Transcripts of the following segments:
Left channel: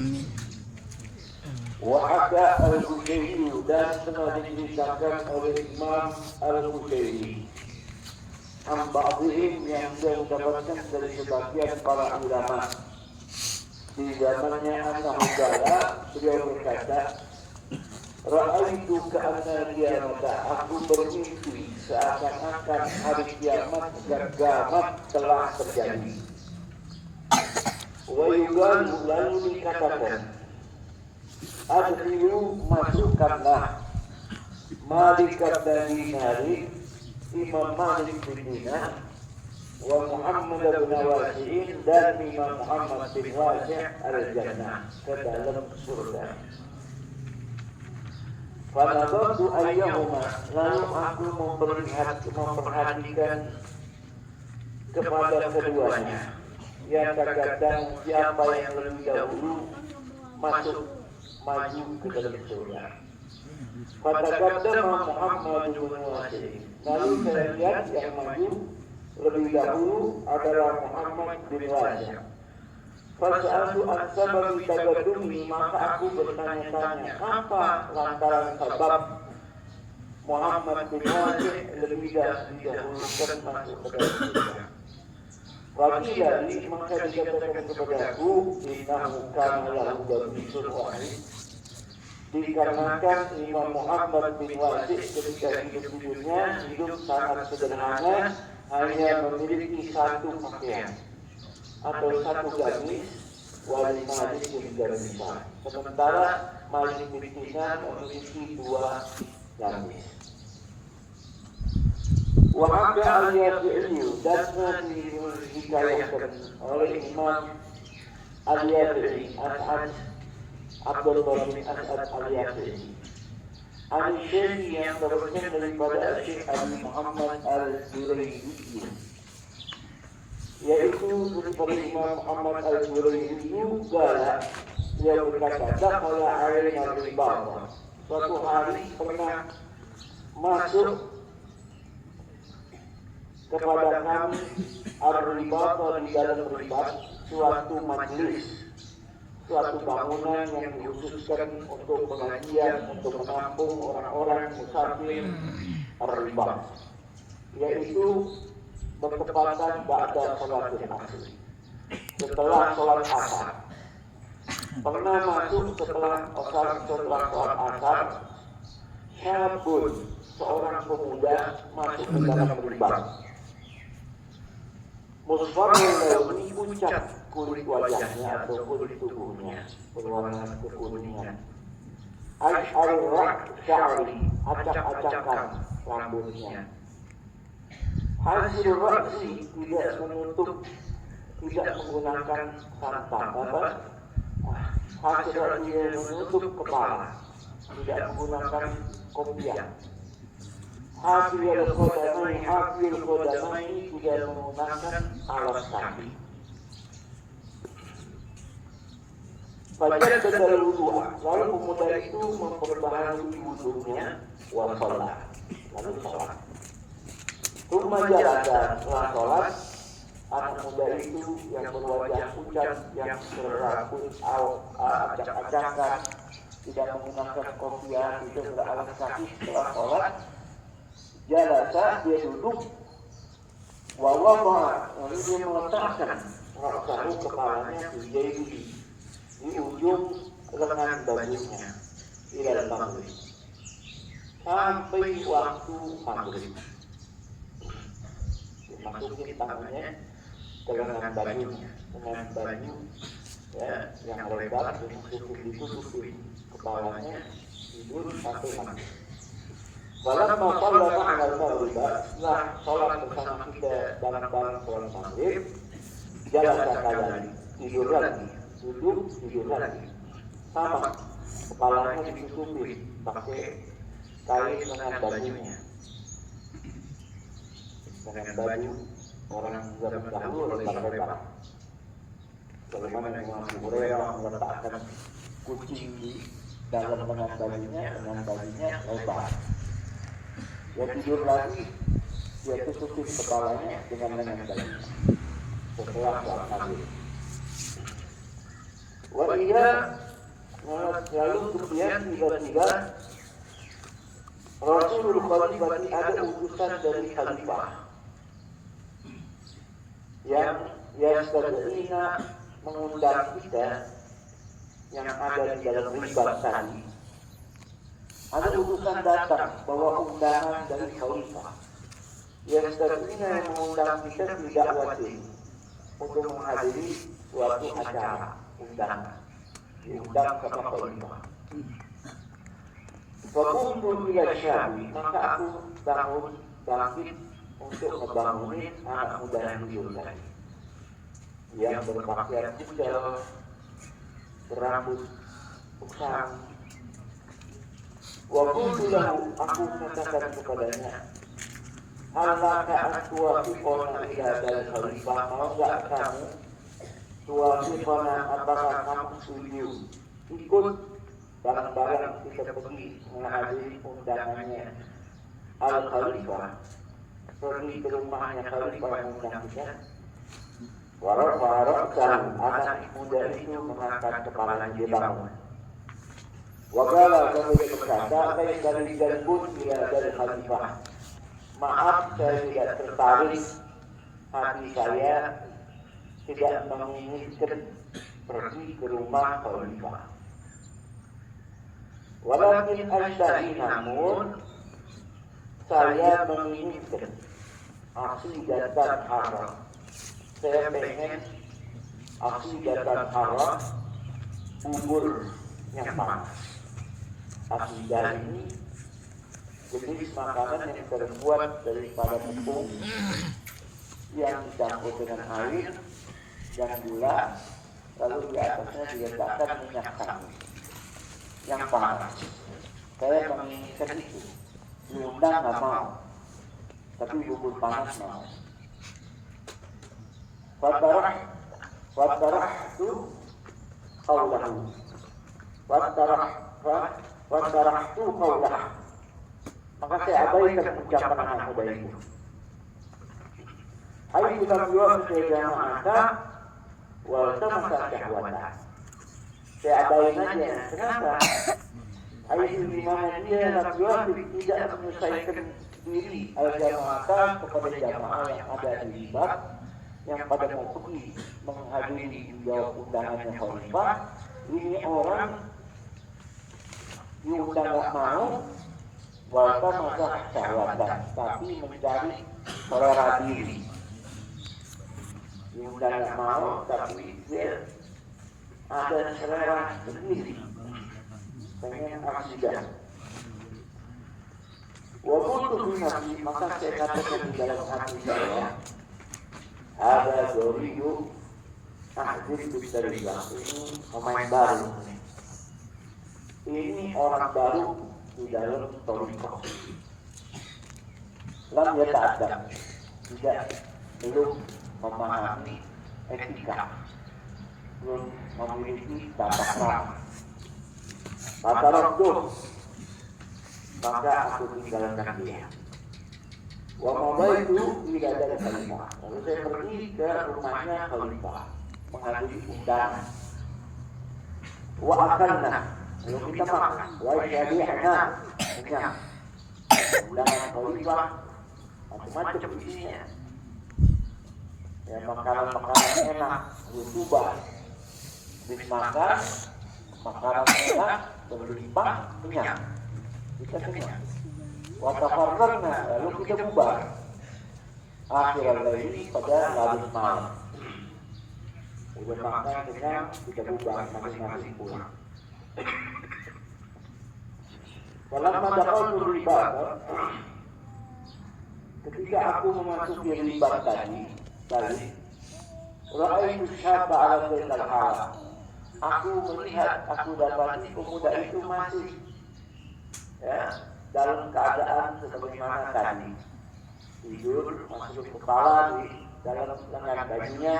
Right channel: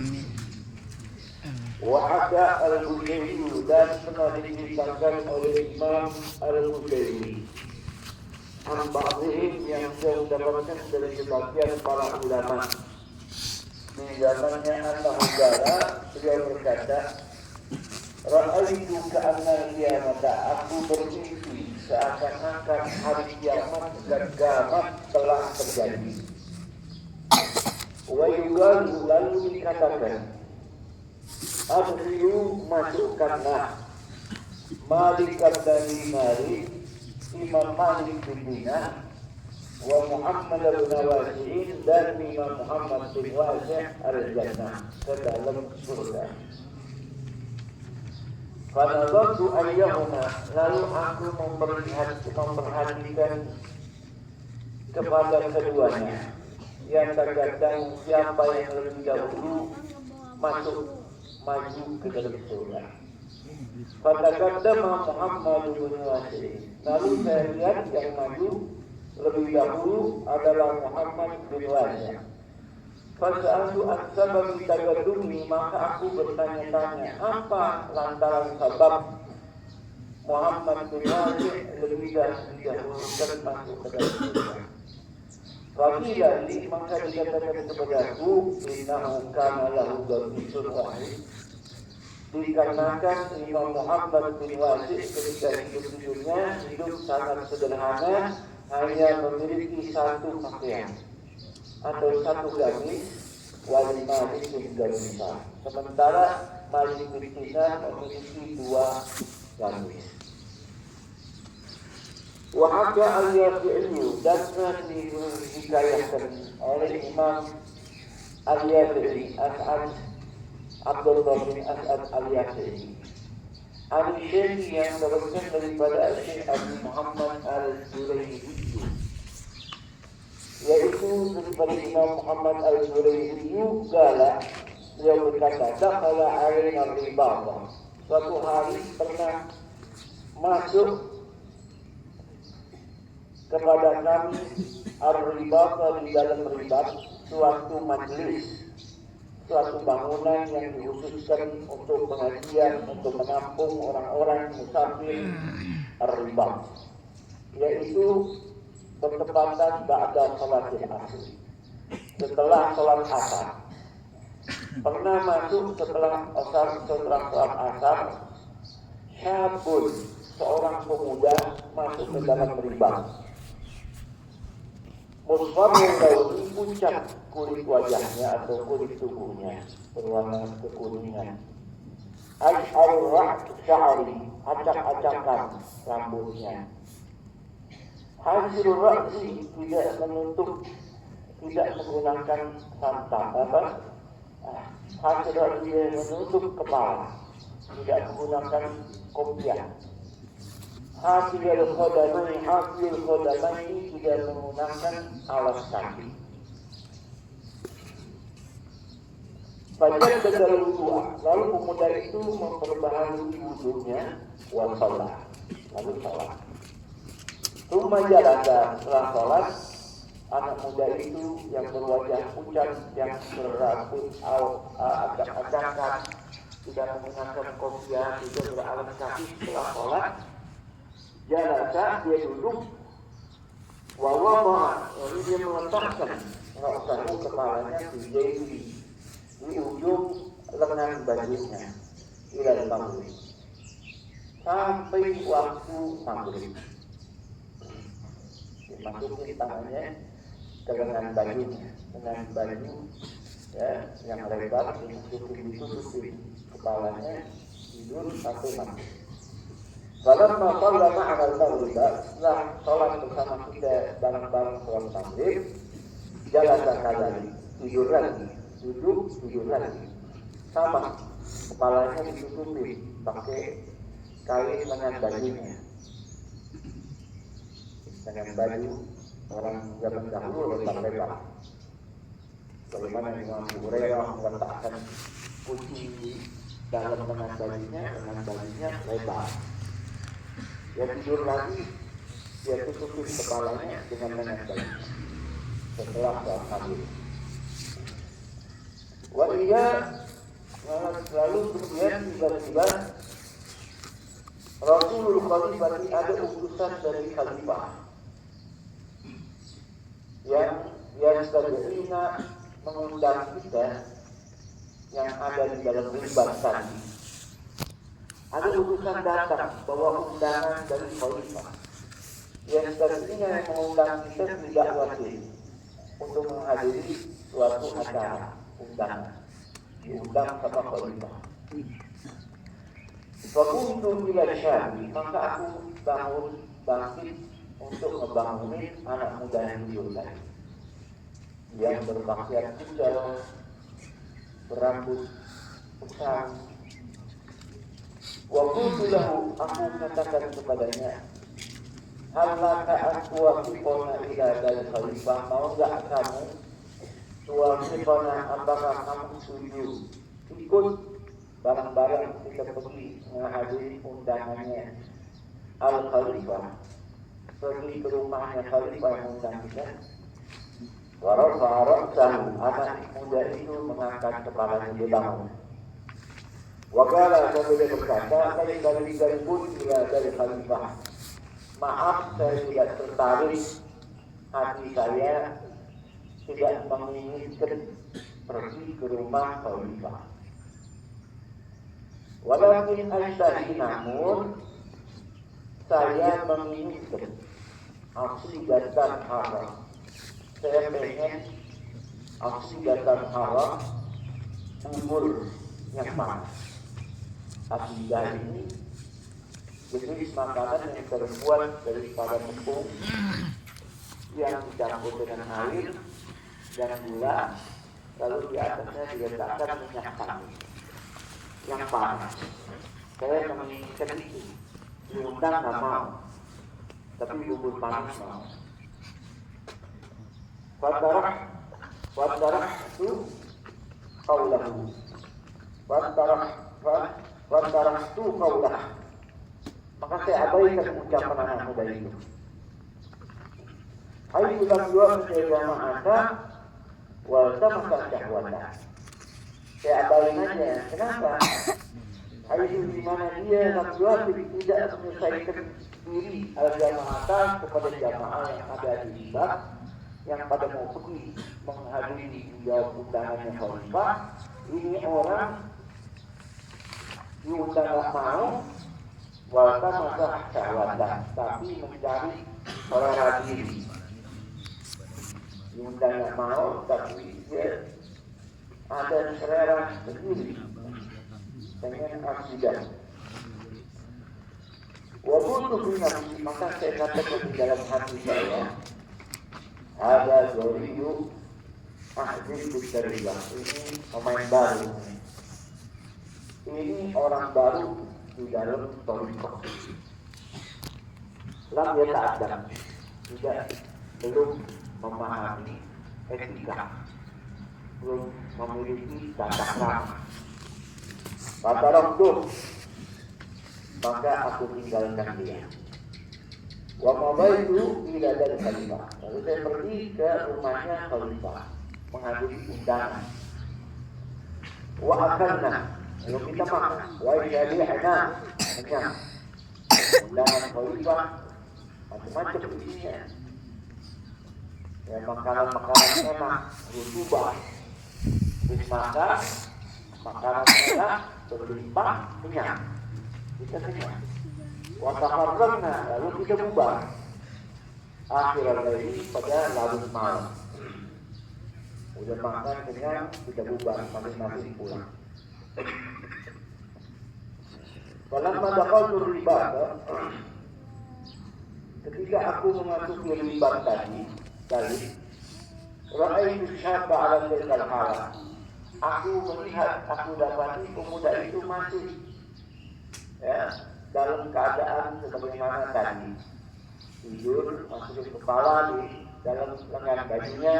Amin. Wahada al-Bukhari dan telah diceritakan oleh Imam al-Bukhari Amba'uhim yang dia mendapatkan dari sebagian para ulama di zamannya An-Nahudara. Beliau berkata, Ra'aitu ka'anna qiyamata, aku bermimpi seakan-akan hari kiamat gagah telah terjadi. Wa yuqalu, lalu dikatakan, Adriyu, masukkanlah Malik dari Nari, Imam Malik bin Dinar, wa Muhammad bin Wasi'in, dan Imam Muhammad bin Wasi' al-Jannah, ke dalam surga. Pada waktu ayyahuma, lalu aku memperhatikan kepada keduanya, yang terkadang siapa yang lebih dahulu masuk maju ke dalam surga. Pada kata Muhammad bin Wasi', lalu saya lihat yang maju lebih dahulu adalah Muhammad bin Wasi'. Fasa'atu an-sabab tagadumi, maka aku bertanya-tanya apa lantaran sebab Muhammad bin Wasi' lebih didahulukan masuk ke dalam surga. Wakilah li, maka dikatakan kepadaku, innahu kana lahu dawbisul wahid, dikarenakan Imam Muhammad bin Wasi' ketika hidup-hidupnya hidup sangat sederhana, hanya memiliki satu pakaian atau satu gamis, wali Malik bin Dinar. Sementara Malik bin Dinar memiliki dua gamis. Wahada al-Yafi'i, dan dihikayatkan oleh Imam al-Yafi'i, As'ad Abdul bin As'ad al-Yafi'i, al-Syekh yang berasal daripada Syekh Abi Muhammad al-Zuraidi, yaitu daripada Imam Muhammad al-Zuraidi juga. Dia berkata, dakhala alaina al-Ribah, suatu hari pernah masuk kepada kami al-Ribat, di dalam ribat, suatu majelis, suatu bangunan yang dikhususkan untuk pengajian, untuk menampung orang-orang musafir al-Ribat, yaitu bertepatan ba'da salat asar, setelah salat asar. Pernah masuk setelah salat asar, syabun, seorang pemuda masuk ke dalam ribat. Musfarul launi, pucat kulit wajahnya atau kulit tubuhnya, berwarna kekuningan. Ash'arul sya'ri, acak-acakan rambutnya. Hasil raksi, tidak menutup, tidak menggunakan santang, hasil raksi tidak menutup kepala, tidak menggunakan kopiah. Hafil khodamai, tidak menggunakan alas kaki. Fajar bedal wudu, lalu pemuda itu memperbaharui wudunya, wal salat, lalu salat. Rumah jalada, setelah salat, anak muda itu yang berwajah pucat, yang berambut acak-acakan, tidak menggunakan kopiah, tidak beralas kaki, setelah salat, jalasa, dia duduk, wawama, lalu dia meletakkan rasahu, kepalanya di ujung lengan bajunya, ila maghrib, sampai waktu maghrib. Dimasukin tangannya ke lengan bajunya, lengan baju ya yang lebar, ditutupin kepalanya, tidur sampai maghrib. Falamma shalla ma'ana al-maghrib, setelah sholat bersama kita bareng-bareng sholat maghrib, jalasa kadzalik, tidur lagi, duduk, tidur lagi, sama kepalanya ditutupin pakai kain lengan bajunya, lengan baju orang zaman dahulu lebar-lebar. Sebagaimana Imam Abu Hurairah meletakkan kucing di dalam lengan bajunya lebar. Dia tidur lagi, dia tutupin kepalanya dengan lengan baju setelah sholat maghrib. Wa lalu kemudian tiba-tiba Rasulullah berarti ada utusan dari khalifah yang tadinya mengundang kita yang ada di dalam ribat tadi. Ada utusan datang bawa undangan dari khalifah yang tadinya mengundang kita tidak wajib untuk menghadiri suatu acara undangan, diundang sama khalifah. Fakuntu ila syabi, maka aku bangkit untuk membangunin anak muda yang diundang, yang berpakaian kucel, berambut usang. Wakuntu lahu, aku mengatakan kepadanya, halaka aku wafikona ila dari khalifah, mau gak kamu wafikona, apakah kamu setuju ikut bareng-bareng kita pergi menghadiri undangannya Al-Khalifah, pergi ke rumahnya Khalifah yang undang kita. Warahmatullahi anak muda itu mengangkat kepalanya, dia bangun. Waqala, kemudian berkata, saya kali pun dia dari Khalifah, maaf saya tidak tertarik, hati saya tidak menginginkan pergi ke rumah Khalifah. Walakin asyahi, namun saya menginginkan aksi datang haram. Saya pengen aksi datang haram umur yang panas. Akidah ini jenis makanan yang terbuat dari pada tepung yang dicampur dengan air dan gula, lalu di atasnya diletakkan minyak sangit yang panas. Saya menginginkan itu. Diundang nggak mau, tapi bubur panas mau. Wadarah itu kaulahu. Wadarah itu kaulah. Maka saya abaikan ucapan anak muda itu. Ayo kita bilang saya maka walaupun masalah syahwatan. Saya abaikan aja. Kenapa? Ayat di mana dia Rasulullah tidak menyelesaikan diri al-jamaah kepada jamaah yang ada di ribat yang pada mau pergi menghadiri jawab undangannya khalifah. Ini orang diundang tak mau, walaupun masalah syahwatan, tapi mencari orang diri. Diundang tak mau, tapi dia ada selera sendiri. Pengen aksidan. Walaupun itu maka saya katakan di dalam hati saya, ada Doriu Ahdir Bisariya, ini pemain baru. Ini orang baru di dalam Toriko. Lam dia tak ada, belum memahami etika, belum memiliki tata krama. Kata Rasul, maka aku tinggalkan dia. Wa mabaitu tidak ada khalifah. Lalu saya pergi ke rumahnya khalifah menghadiri undangan. Wa akalna, lalu kita makan. Wa yadihna, kenyang. Undangan khalifah macam-macam isinya. Ya, makanan-makanan enak, berubah. Habis makan, makanan enak, berlimpah, kenyang. Kita kenyang. Watafarraqna, lalu kita bubar. Akhirnya ini pada larut malam. Udah makan kenyang, kita bubar masing-masing pulang. Dalam madakal ribat, ketika aku memasuki ribat tadi, Ra'aitu syaba ala tilkal hala. Aku melihat, aku dapati pemuda itu masih dalam keadaan sebagaimana tadi, tidur, masuk kepala di dalam lengan bajunya.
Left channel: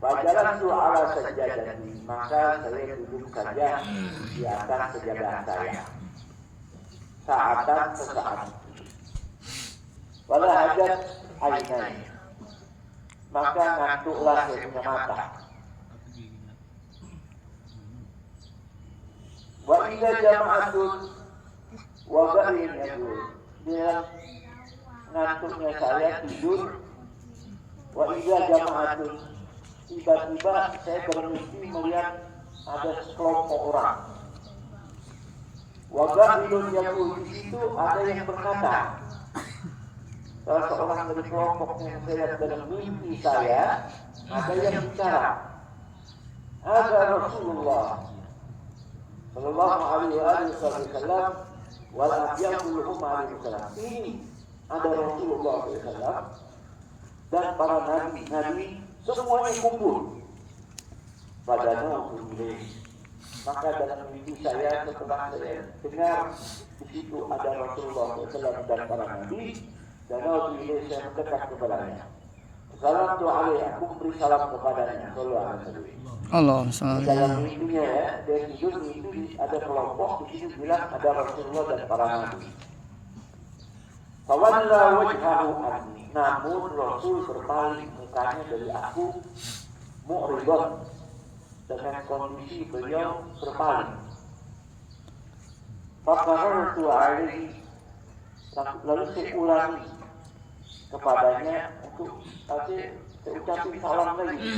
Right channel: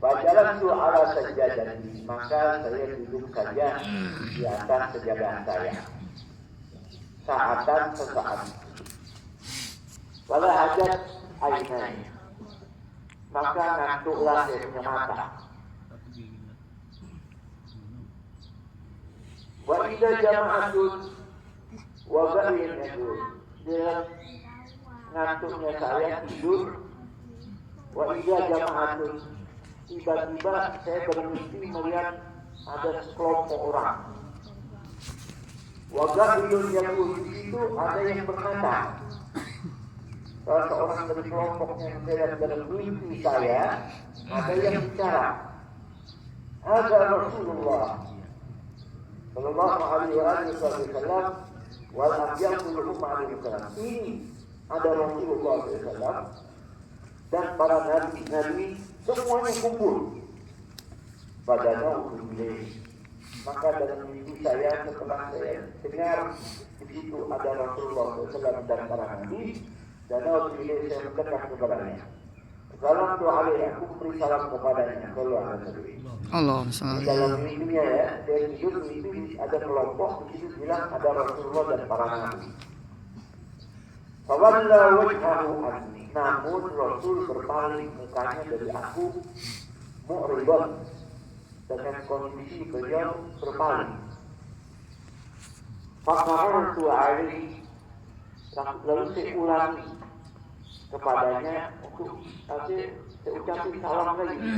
Bajalan ala sajadah, maka saya duduk saja di atas sejadah saya. Saatan sesaat. Wala hajat ainai, maka ngantuklah saya punya mata. idza jama'atun wa ghairun yaqul. Dia ngantuknya saya tidur. Wa idza jama'atun, tiba-tiba saya bermimpi melihat ada sekelompok orang. Wa ghairun yaqul, di situ ada yang berkata. Salah seorang dari kelompok yang saya dalam mimpi saya, ada yang bicara. Ada Rasulullah Sallallahu alaihi wasallam wa lam yaqul alaihi wasallam. Ini ada Rasulullah SAW dan para nabi-nabi semuanya kumpul pada malam ini. Maka dalam mimpi saya setelah saya dengar di situ ada Rasulullah SAW dan para nabi. Dan Allah pilih saya berkata kepadanya, salam doa aku beri salam kepadanya. Allah SWT. Dalam mimpinya ya, dari tidur mimpi ada kelompok di situ bilang ada Rasulullah dan para nabi. Fawalla wajhahu anni, namun Rasul berpaling mukanya dari aku, mu'ridun, dengan kondisi beliau berpaling. Faqarartu alaihi, lalu saya ulangi kepadanya untuk saya ucapin salam lagi.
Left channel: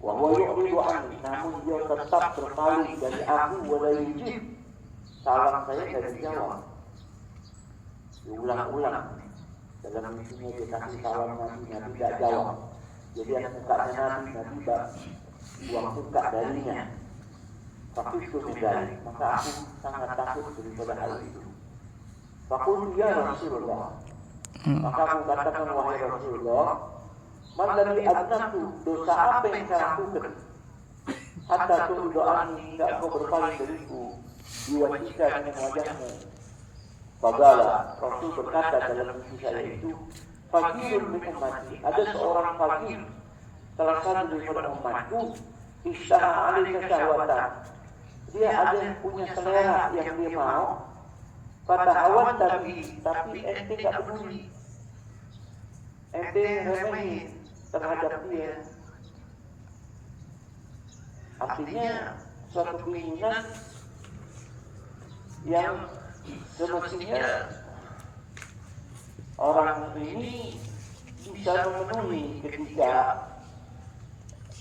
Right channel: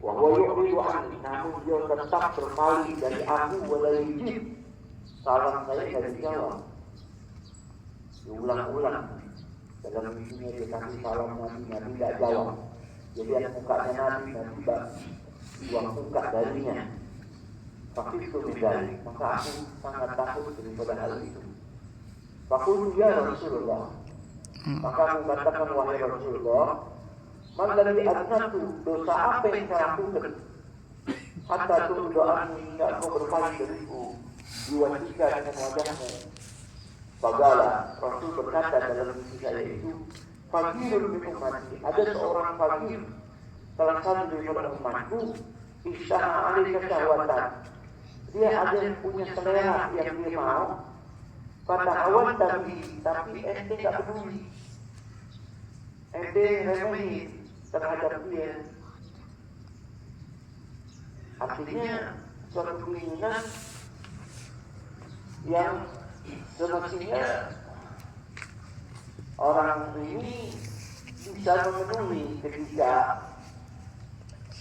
Wahwa yu'ridu anni, namun dia tetap berpaling dari aku, wala yujib, salam saya tidak dijawab. Diulang-ulang dalam mimpinya dia kasih salam nabinya tidak jawab. Jadi yang mukanya nabi tidak buang muka darinya. Tapi itu tidak, maka aku sangat takut daripada hal itu. Fakul ya Rasulullah, maka aku katakan wahai Rasulullah, mandali adnatu, dosa apa yang saya lakukan? Hatta doaan tidak mau berpaling dariku, diwajibkan dengan wajahmu. Fagala, Rasul berkata dalam mimpi saya itu, fakir min ummati, ada seorang fakir, salah satu daripada umatku, isyaha alika syahwatan. Dia ada yang punya selera yang dia mau. Pada awan tapi ente tak peduli, ente remehin terhadap dia. Artinya suatu keinginan yang semestinya orang ini bisa memenuhi ketika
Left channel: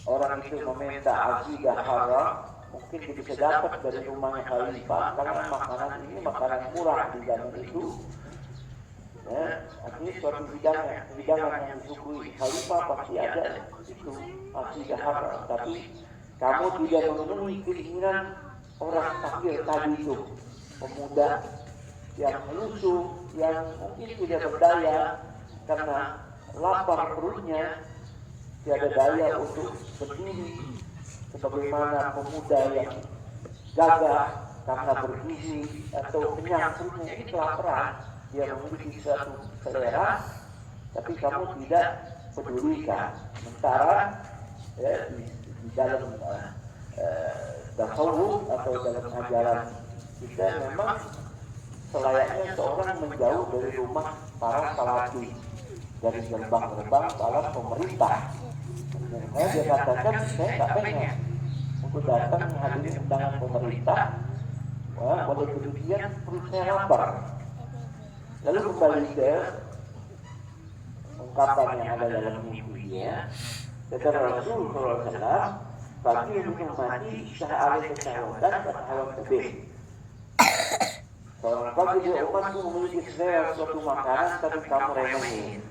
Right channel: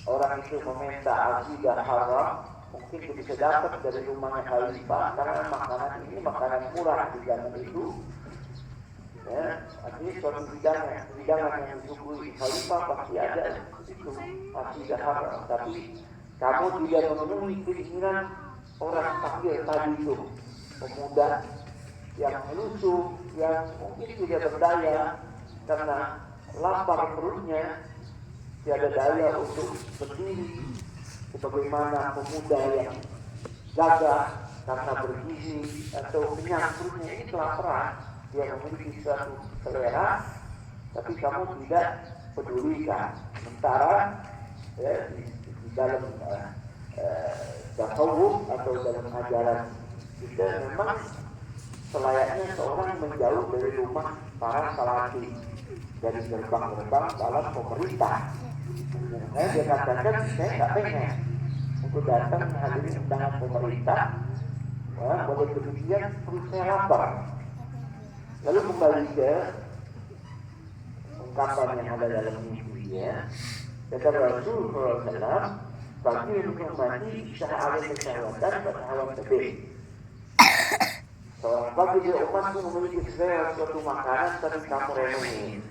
orang itu meminta azidah haram. Mungkin bisa dapat dari rumahnya khalifah karena makanan ini makanan murah di zaman itu. Ya, artinya suatu hidangan yang disuguhi khalifah pasti ada itu, pasti haram. Tapi kamu tidak memenuhi keinginan orang fakir tadi itu, pemuda yang lusuh, yang mungkin tidak berdaya karena lapar perutnya, tiada daya untuk berdiri. Sebagaimana pemuda yang gagah karena bergizi atau kenyang perutnya itu kelaparan, dia memiliki suatu selera, tapi kamu tidak pedulikan. Sementara ya, di dalam tasawuf atau dalam ajaran kita memang selayaknya seorang menjauh dari rumah para salafin, dari gerbang-gerbang dalam pemerintah. Dia katakan saya tak pengen untuk datang menghadiri undangan pemerintah. Wah, boleh demikian perut saya lapar. Lalu kembali ke ungkapan yang ada dalam mimpinya. Kata Rasulullah SAW, bagi yang mati syahari kesyahwatan dan hawa tebih. Kalau bagi dia umatku memiliki selera suatu makanan tapi kamu remehin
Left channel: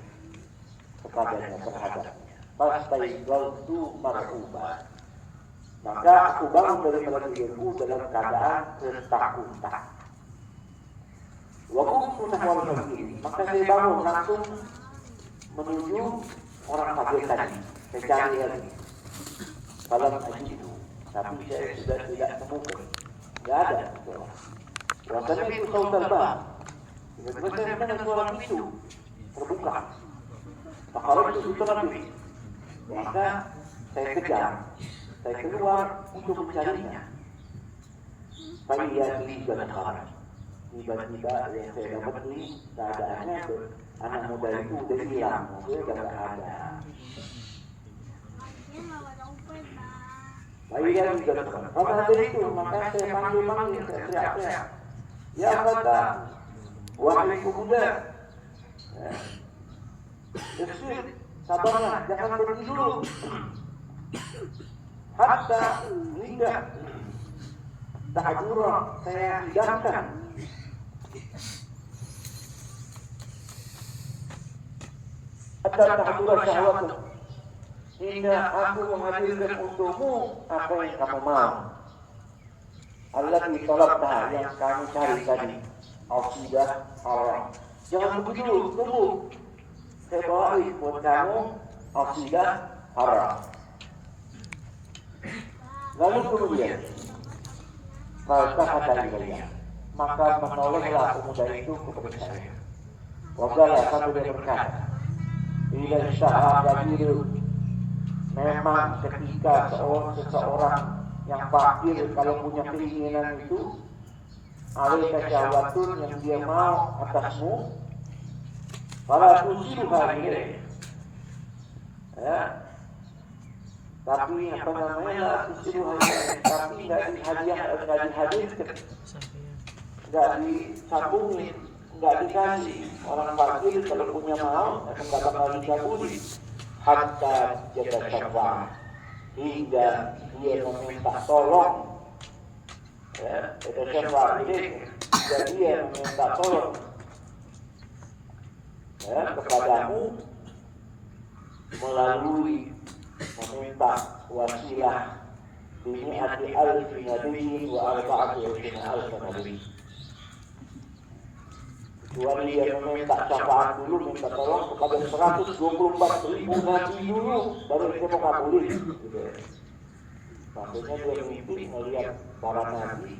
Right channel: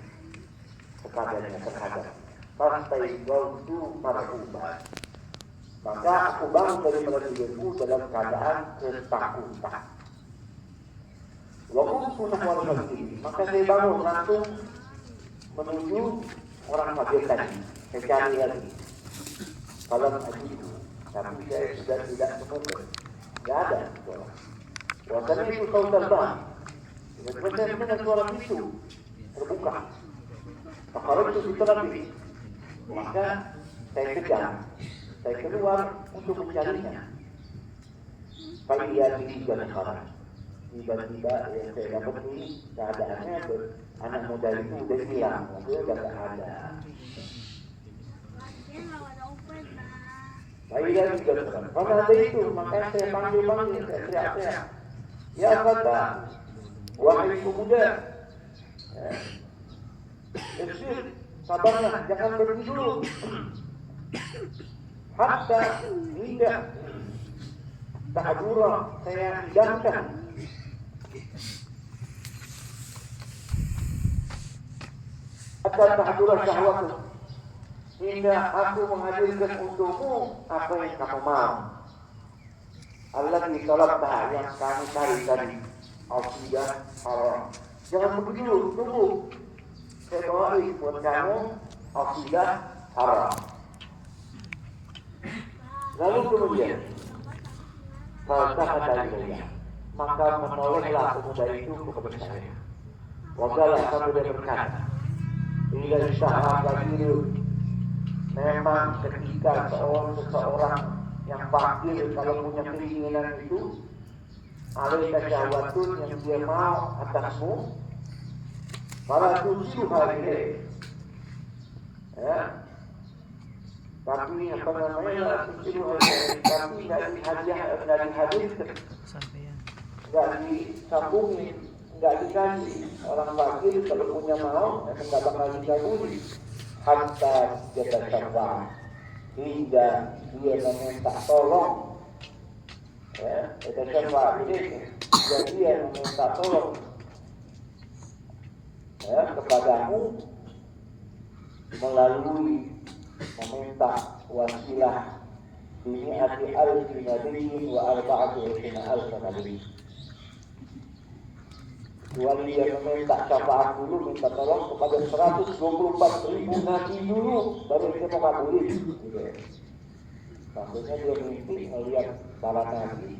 kepadanya terhadapnya. Pastai gautu marhuban, maka aku bangun dari tidurku dalam keadaan ketakutan. Waktu menahun ini, maka saya bangun langsung menuju orang fakir tadi, mencari lagi. Kalau itu, tapi saya sudah tidak menemukan, tidak ada. Waktu itu kau terbang, kemudian saya mendengar suara pintu terbuka. Kalau itu sudah lebih. Maka saya kejar, saya keluar untuk mencarinya. Kali dia tiba negara, tiba-tiba yang saya dapat ini keadaannya anak muda itu udah hilang, sudah tidak ada. Baik dia juga dekat. Pada hari itu, maka saya panggil-panggil, saya teriak-teriak. Ya kata, wahai pemuda, Isfir, sabarlah, jangan pergi dulu. Hatta hingga tahadura saya hidangkan. Hatta tahadura syahwat, hingga aku menghadirkan untukmu apa yang kamu mau. Allah ditolaklah yang kami cari tadi. Akidah orang. Jangan begitu, tunggu. Saya bawain buat kamu akidah haram. Lalu kemudian sahabat ilayya, maka menolehlah pemuda itu kepada saya. Waqala sambil dia berkata, ila sahabat itu memang ketika seseorang yang fakir kalau punya keinginan itu alaika syahwatun yang dia mau atasmu, fala tusibuha ilaih. Ya. Tapi apa namanya tapi nggak dihadirkan, nggak disambungin, nggak dikasih. Orang fakir kalau punya mau nggak bakal dikabulin. Hatta jada syafa'ah, hingga dia meminta tolong. Ya, jada syafa'ah ini dia meminta tolong kepadamu melalui meminta wasilah bimi'ati alfi nabiyyin wa arba'ati alfi nabiyyin. Kecuali dia meminta syafaat dulu, minta tolong kepada 124.000 nabi dulu, baru dia mengabulin. Maksudnya dia mimpi melihat para nabi,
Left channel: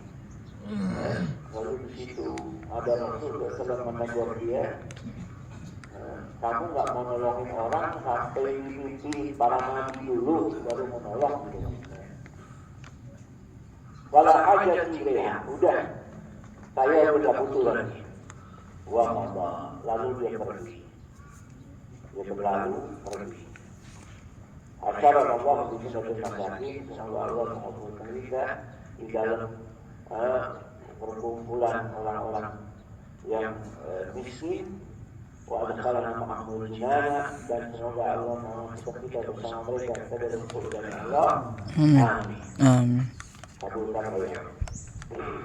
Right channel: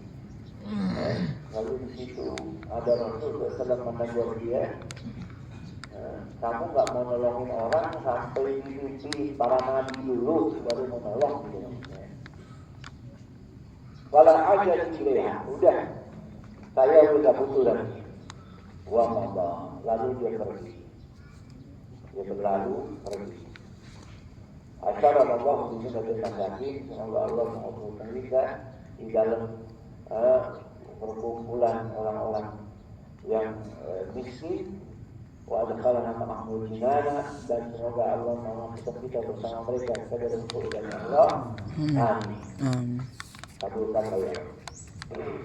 lalu di situ ada Rasul sedang menegur dia. Kamu nggak mau nolongin orang sampai mimpi para nabi dulu baru menolong. Walau aja tidak, udah saya udah butuh lagi. Wah, lalu dia pergi. Dia berlalu pergi. Asyara Allah bisa bermasyarakat, semoga Allah mengumpulkan kita di dalam perkumpulan orang-orang yang miskin. Wa adkhalana ma'amul jinana, dan semoga Allah memasukkan kita bersama mereka ke dalam surga Allah. Amin. Amin. Kabulkan ya. Amin.